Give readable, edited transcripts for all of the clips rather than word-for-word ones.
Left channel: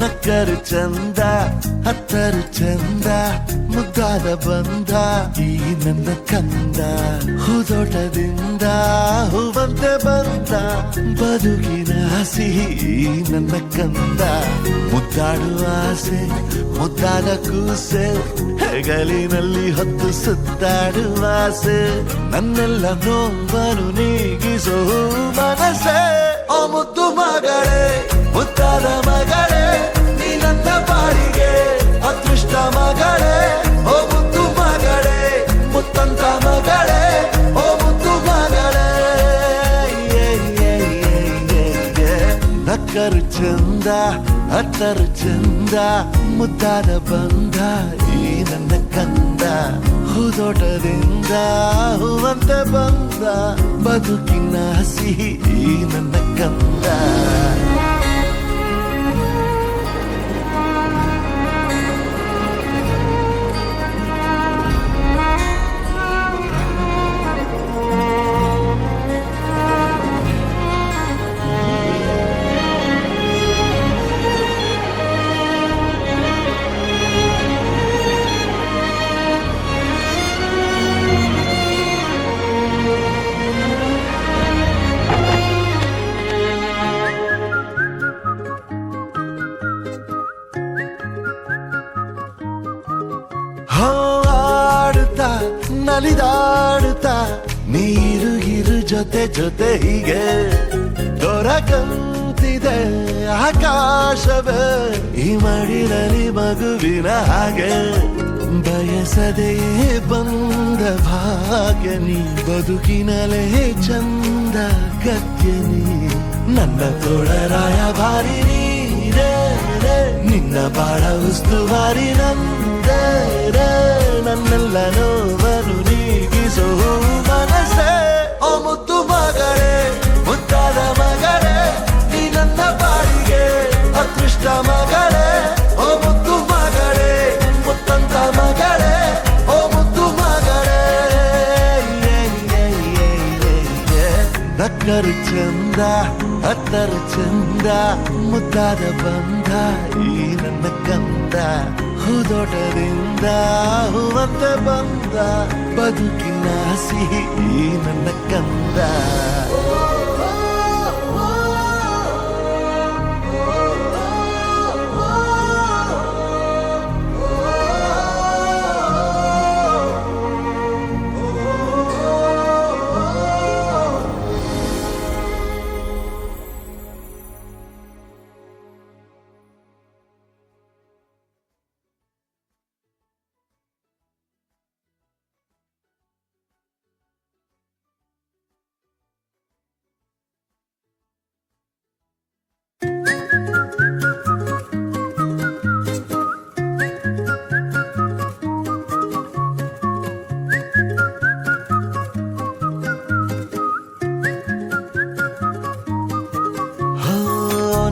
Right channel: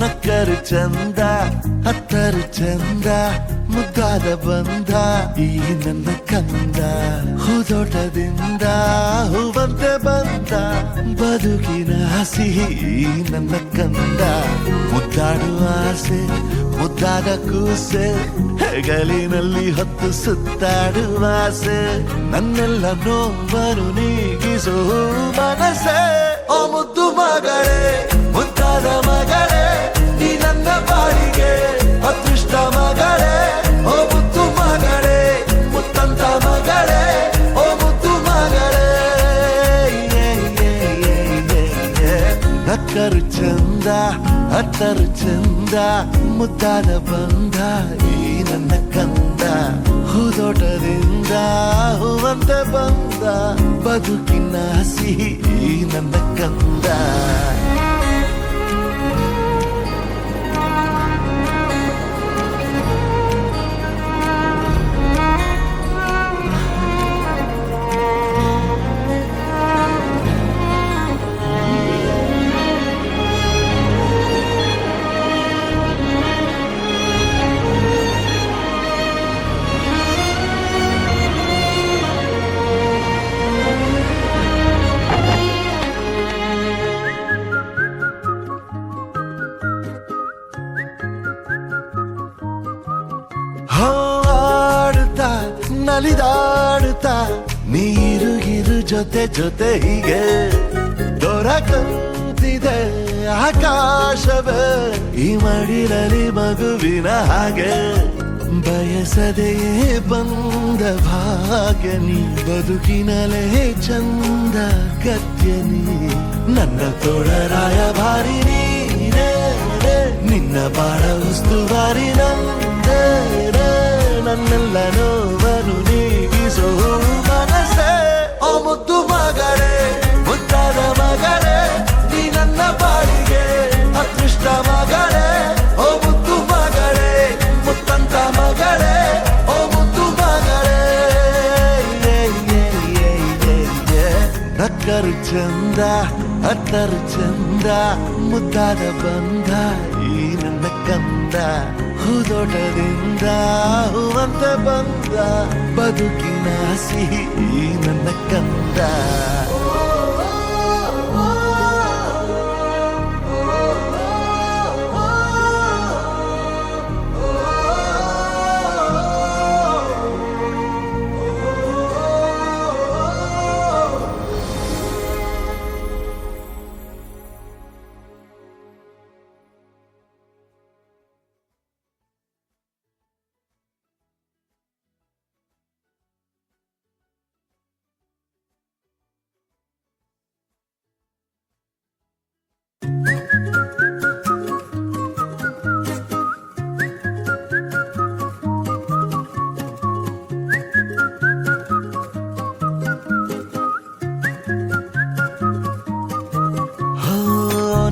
ನಕ್ಕರು ಚಂದ ಹತ್ತರು ಚಂದ ಮುದ್ದಾದ ಬಂದ ಈ ನನ್ನ ಕಂದ ಹೂದೋಟದಿಂದ ಹೂವಂತೆ ಬಂದ ಬದುಕಿನ ಸಿಹಿ ನನ್ನ ಕಂದ ಮುದ್ದಾಡುವ ಆಸೆ ಮುದ್ದಾದ ಕೂಸೆ ಹೆಗಲಿನಲ್ಲಿ ಹೊತ್ತು ಸುತ್ತಾಡುವ ಆಸೆ ನನ್ನೆಲ್ಲ ನೋವನ್ನು ನೀಗಿಸೋ ಮನಸ್ಸೇ ಆ ಮುದ್ದು ಮಗಳೇ ಮುದ್ದಾದ ಮಗಳೇ ನೀ ನನ್ನ ಬಾಳಿಗೆ ಅದೃಷ್ಟ ಮಗಳೇ ಓ ಮುದ್ದು ಮಗಳೇ ಮುತ್ತಂತ ಮಗಳೇ ಓ ಮುದ್ದು ಮಗಳೇ ನಕ್ಕರು ಚಂದ ಹತ್ತರು ಚಂದ ಮುದ್ದಾದ ಬಂದ ಈ ನನ್ನ ಕಂದ ಹೂದೋಟದಿಂದ ಹೂವಂತೆ ಬಂದ ಬದುಕಿನ ಸಿಹಿ ಈ ನನ್ನ ಕಂದ ಆಡುತ್ತಾ ನಲಿದಾಡುತ್ತಾ ನೀರು ಜೊತೆ ಜೊತೆ ಹೀಗೆ ದೊರಕಂತಿದೆ ಆಕಾಶವೇ ಈ ಮಡಿಲಲ್ಲಿ ಮಗುವಿನ ಹಾಗೆ ಬಯಸದೆಯೇ ಬಂದ ಭಾಗ್ಯ ನೀ ಬದುಕಿನಲೇ ಚಂದ ಗದ್ಯ ನೀ ನನ್ನ ತೋಳರಾಯ ಭಾರಿ ನೀರೇ ನಿನ್ನ ಬಾಳ ಉಸ್ತುವಾರಿ ನಂದೇ ನನ್ನೆಲ್ಲ ನೋವನ್ನು ನೀಗಿಸೋ ಮನಸ್ಸೇ ಆ ಮುದ್ದು ಮಗಳೇ ಮುದ್ದಾದ ಮಗಳೇ ನೀ ನನ್ನ ಬಾಳಿಗೆ ಅದೃಷ್ಟ ಮಗಳೇ ಓ ಮುದ್ದು ಮಗಳೇ ಮುತ್ತಂತ ಮಗಳೇ ಓ ಮುದ್ದು ಮಗಳೇ ನಕ್ಕರು ಚಂದ ಹತ್ತರು ಚಂದ ಮುದ್ದಾದ ಬಂದ ಈ ನನ್ನ ಕಂದ ಹೂದೋಟದಿಂದ ಹೂವಂತೆ ಬಂದ ಬದುಕಿನ ಸಿಹಿ ಈ ನನ್ನ ಕಂದ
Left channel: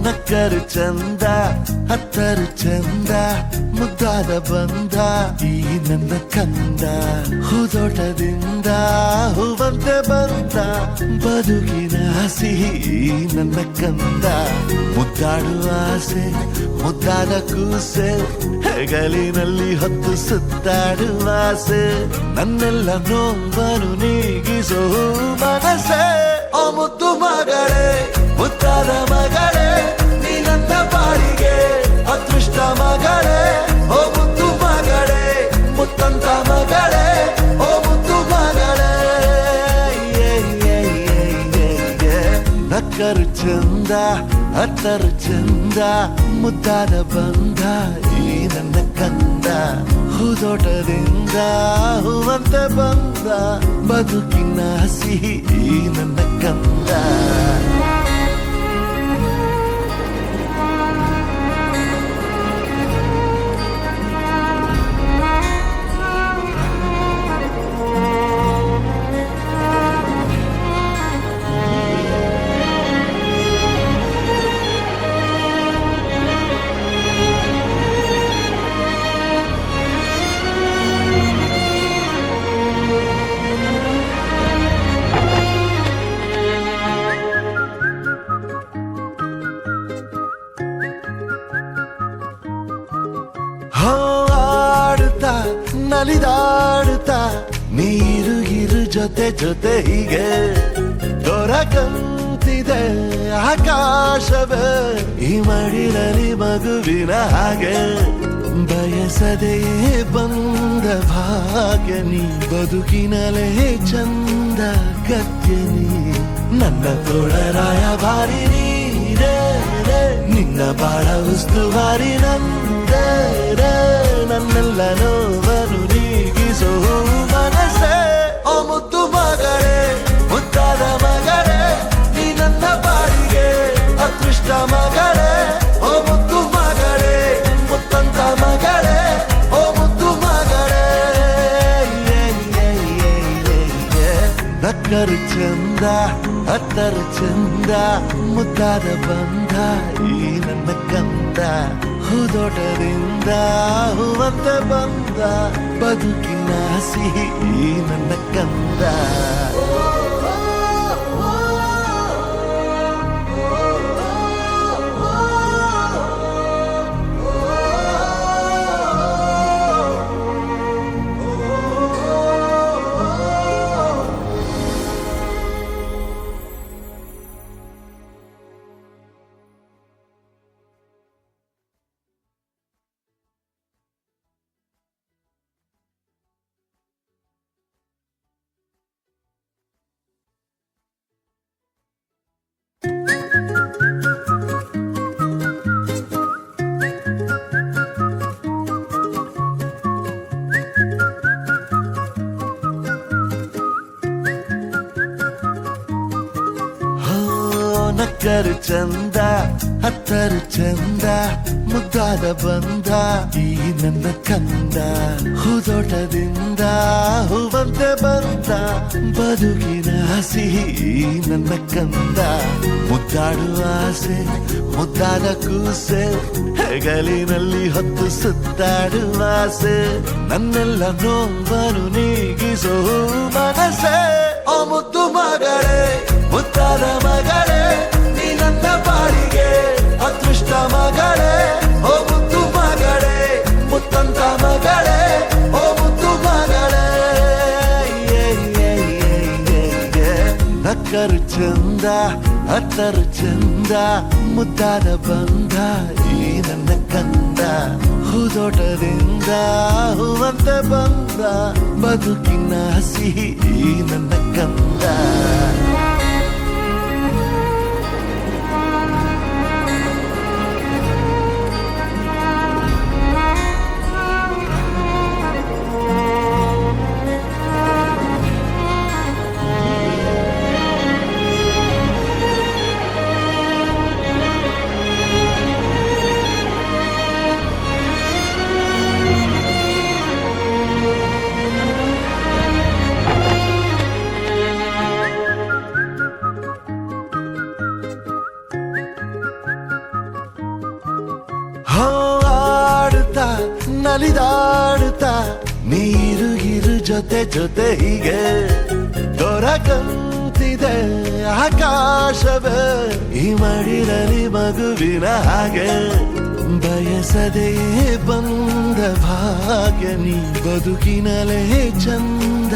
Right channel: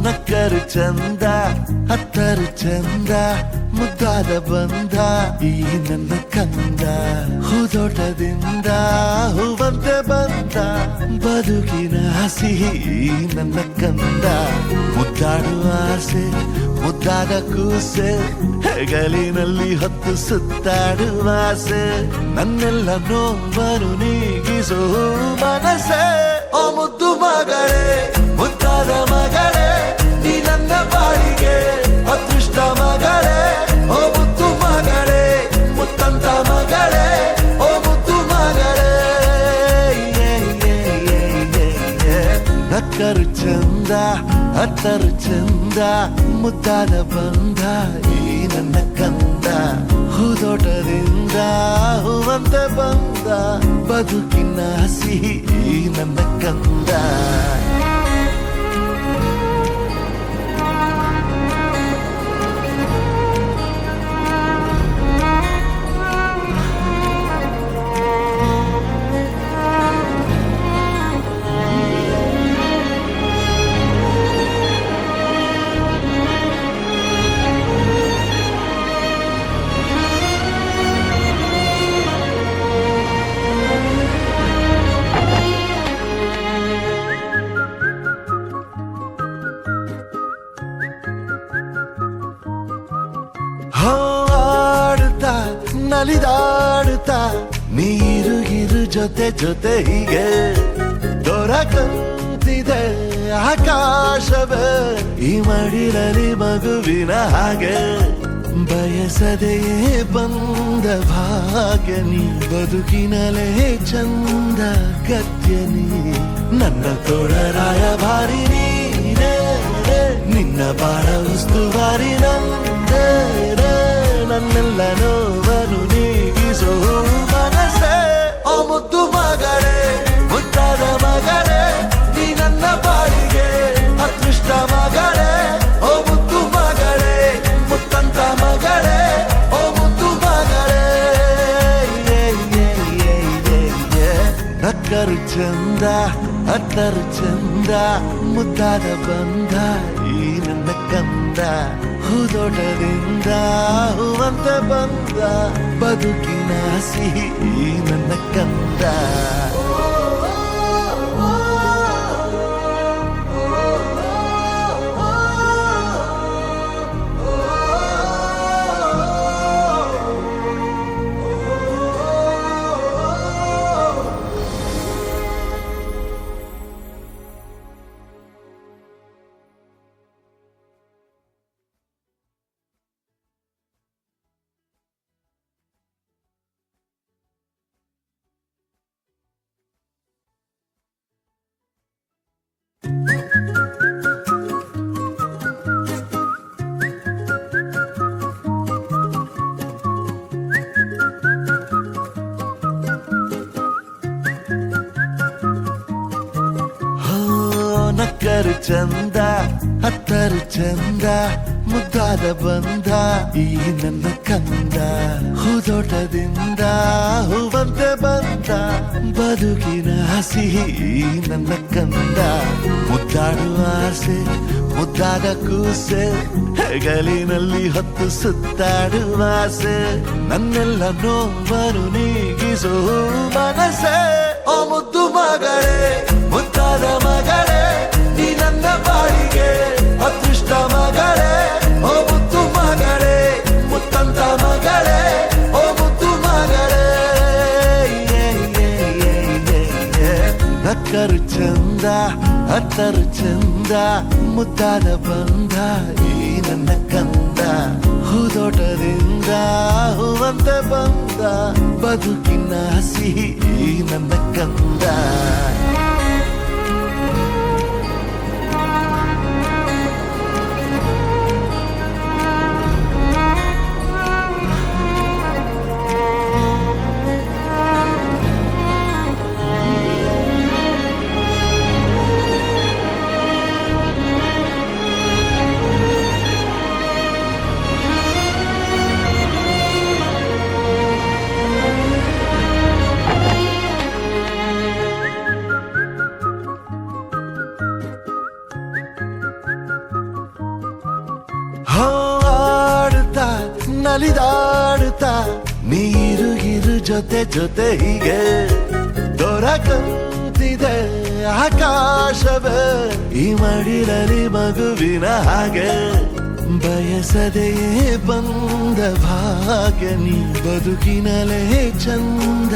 ನಕ್ಕರು ಚಂದ ಹತ್ತರು ಚಂದ ಮುದ್ದಾದ ಬಂದ ಈ ನನ್ನ ಕಂದ ಹೂದೋಟದಿಂದ ಹೂವಂತೆ ಬಂದ ಬದುಕಿನ ಸಿಹಿ ನನ್ನ ಕಂದ ಮುದ್ದಾಡುವ ಆಸೆ ಮುದ್ದಾದ ಕೂಸೆ ಹೆಗಲಿನಲ್ಲಿ ಹೊತ್ತು ಸುತ್ತಾಡುವ ಆಸೆ ನನ್ನೆಲ್ಲ ನೋವನ್ನು ನೀಗಿಸೋ ಮನಸ್ಸೇ ಆ ಮುದ್ದು ಮಗಳೇ ಮುದ್ದಾದ ಮಗಳೇ ನೀ ನನ್ನ ಬಾಳಿಗೆ ಅದೃಷ್ಟ ಮಗಳೇ ಓ ಮುದ್ದು ಮಗಳೇ ಮುತ್ತಂತ ಮಗಳೇ ಓ ಮುದ್ದು ಮಗಳೇ ನಕ್ಕರು ಚಂದ ಹತ್ತರು ಚಂದ ಮುದ್ದಾದ ಬಂದ ಈ ನನ್ನ ಕಂದ ಹೂದೋಟದಿಂದ ಹೂವಂತೆ ಬಂದ ಬದುಕಿನ ಸಿಹಿ ಈ ನನ್ನ ಕಂದ ನಲಿದಾಡುತ್ತಾ ನೀರುಗಿರು ಜೊತೆ ಜೊತೆ ಹೀಗೆ ದೊರಕಂತಿದೆ ಆಕಾಶವೇ ಈ ಮಡಿಲಲ್ಲಿ ಮಗುವಿನ ಹಾಗೆ ಬಯಸದೆಯೇ ಬಂದ ಭಾಗ್ಯ ನೀ ಬದುಕಿನಲೇ ಚಂದ ಗದ್ಯ ನೀ ನನ್ನ ತೋಳರಾಯ ಭಾರಿ ನೀರೇ ನಿನ್ನ ಬಾಳ ಉಸ್ತುವಾರಿ ನಂದೇ ನನ್ನೆಲ್ಲ ನೋವನ್ನು ನೀಗಿಸೋ ಮನಸ್ಸೇ ಆ ಮುದ್ದು ಮಗಳೇ ಮುದ್ದಾದ ಮಗಳೇ ನೀ ನನ್ನ ಬಾಳಿಗೆ ಅದೃಷ್ಟ ಮಗಳೇ ಓ ಮುದ್ದು ಮಗಳೇ ಮುತ್ತಂತ ಮಗಳೇ ಓ ಮುದ್ದು ಮಗಳೇ ನಕ್ಕರು ಚಂದ ಅತ್ತರು ಚಂದ ಮುದ್ದಾದ ಬಂದ ಈ ನನ್ನ ಕಂದ ಹೂದೋಟದಿಂದ ಹೂವಂತೆ ಬಂದ ಬದುಕಿನ ಸಿಹಿ ಈ ನನ್ನ ಕಂದ ನಕ್ಕರು ಚಂದ ಹತ್ತರು ಚಂದ ಮುದ್ದಾದ ಬಂದ ಈ ನನ್ನ ಕಂದ ಹೂದೋಟದಿಂದ ಹೂವಂತೆ ಬಂದ ಬದುಕಿನ ಸಿಹಿ ಈ ನನ್ನ ಕಂದ ಮುದ್ದಾಡುವ ಆಸೆ ಮುದ್ದಾದ ಕೂಸೆ ಹೆಗಲಿನಲ್ಲಿ ಹೊತ್ತು ಸುತ್ತಾಡುವ ಆಸೆ ನನ್ನೆಲ್ಲ ನೋವನ್ನು ನೀಗಿಸೋ ಮನಸ್ಸೇ ಆ ಮುದ್ದು ಮಗಳೇ ಮುದ್ದಾದ ಮಗಳೇ ನೀ ನನ್ನ ಬಾಳಿಗೆ ಅದೃಷ್ಟ ಮಗಳೇ ಓ ಮುದ್ದು ಮಗಳೇ ಮುತ್ತಂತ ಮಗಳೇ ಓ ಮುದ್ದು ಮಗಳೇ ನಕ್ಕರು ಚಂದ ಅತ್ತರು ಚಂದ ಮುದ್ದಾದ ಬಂದ ಈ ನನ್ನ ಕಂದ ಹೂದೋಟದಿಂದ ಹೂವಂತೆ ಬಂದ ಬದುಕಿನ ಸಿಹಿ ಈ ನನ್ನ ಕಂದ ಆಡುತ್ತಾ ನಲಿದಾಡುತ್ತಾ ನೀರುಗಿರು ಜೊತೆ ಜೊತೆ ಹೀಗೆ ದೊರಕಂತಿದೆ ಆಕಾಶವೇ ಈ ಮಡಿಲಲ್ಲಿ ಮಗುವಿನ ಹಾಗೆ ಬಯಸದೆಯೇ ಬಂದ ಭಾಗ್ಯ ನೀ ಬದುಕಿನಲೇ ಚಂದ